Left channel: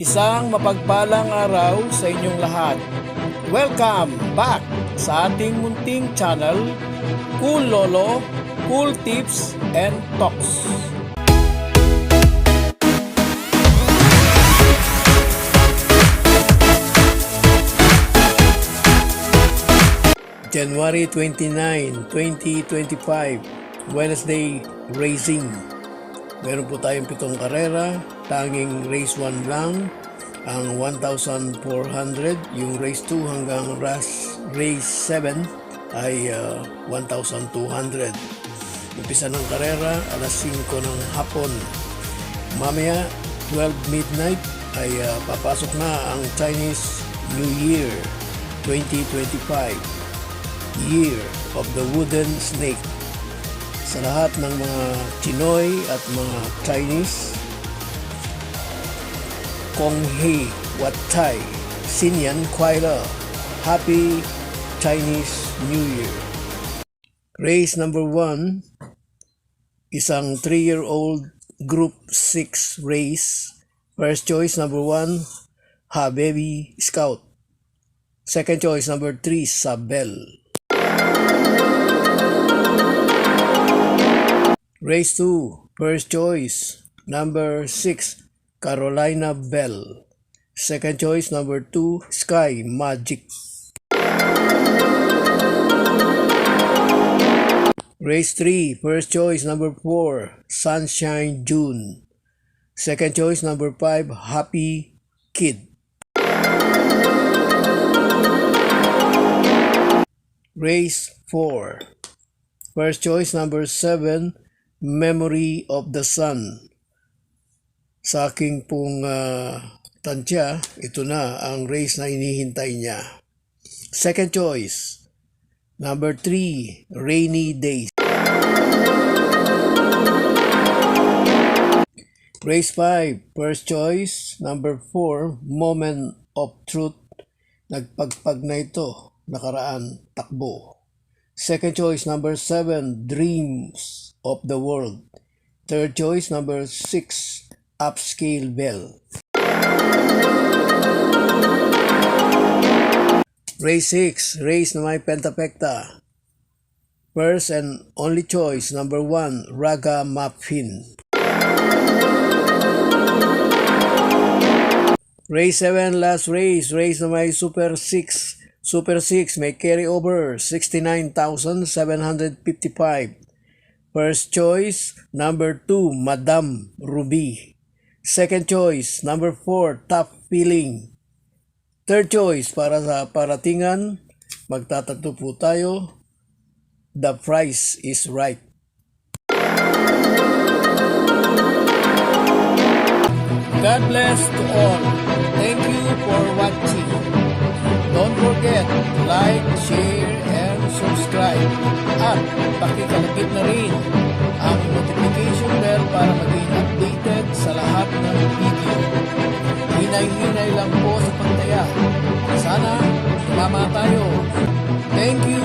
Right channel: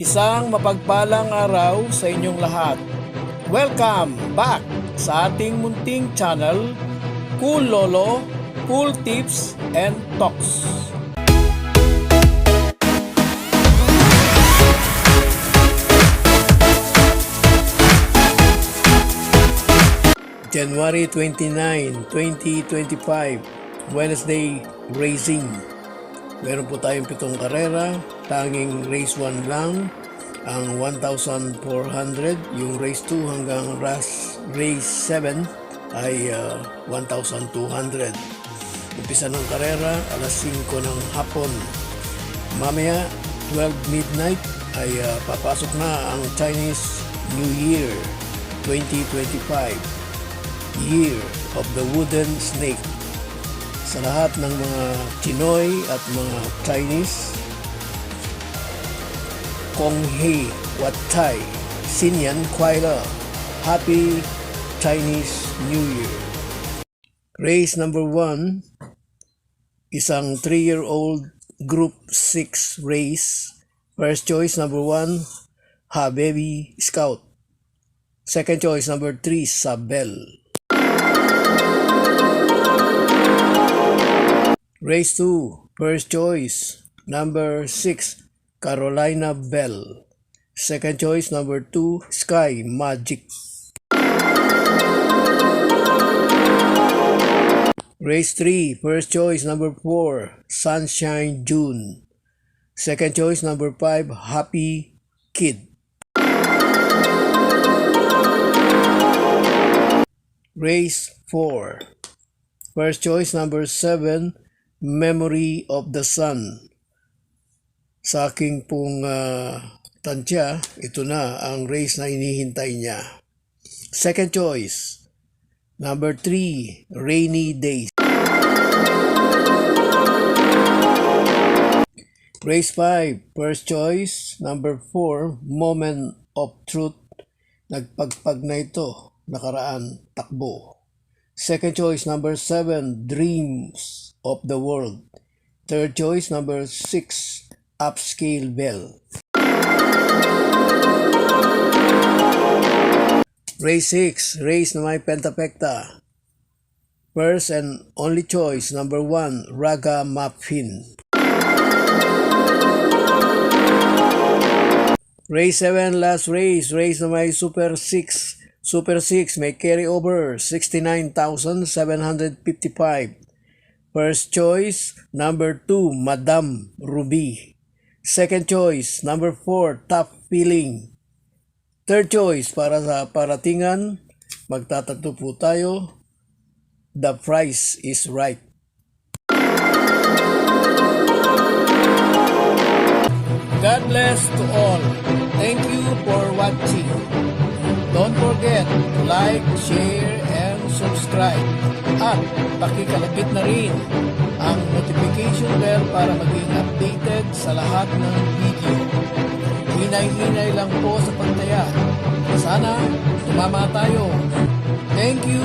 Isang mapagpalang araw sa inyong lahat. Welcome back sa ating munting channel, Cool Lolo, Cool Tips and Talks. January 29, 2025, Wednesday Racing. Meron po tayong 7 karera, tanging race 1 lang, ang 1,400, yung race 2 hanggang race 7 ay 1,200. Umpisa ng karera, alas 5 ng hapon. Mamaya, 12 midnight, ay papasok na ang Chinese New Year 2025, Year of the Wooden Snake. Sa lahat ng mga Chinoy at mga Chinese, Kong Hei Wat Tai Sinyan Kuai Le, Happy Chinese New Year. Race number 1, isang 3-year-old Group 6 race. First choice number 1, Ha Baby Scout. Second choice number 3, Sabel. Race 2, first choice, number 6, Carolina Bell. Second choice, number 2, Sky Magic. Race 3, first choice, number 4, Sunshine June. Second choice, number 5, Happy Kid. Race 4, first choice, number 7, Memory of the Sun. Sa aking pong tansya, ito na ang race na inihintay niya. Second choice, number 3, Rainy Days. Race 5, first choice, number 4, Moment of Truth. Nagpagpag na ito, nakaraan, takbo. Second choice, number 7, Dreams of the World. Third choice, number 6, Upscale Bell. Race 6, race na may pentapekta. First and only choice, number 1, Raga Muffin. Race 7, last race, race na may Super 6. Super 6 may carry over 69,755. First choice, number 2, Madam Ruby. Second choice, number 4, Top Feeling. Third choice, para sa paratingan, magtatatlo po tayo, The Price is Right. God bless to all. Thank you for watching. Don't forget to like, share, and subscribe. At pakikalagit na rin ang notification bell para maging updated sa lahat ng video. Hinay-hinay lang po sa pagtaya. Sana tumama tayo. Thank you!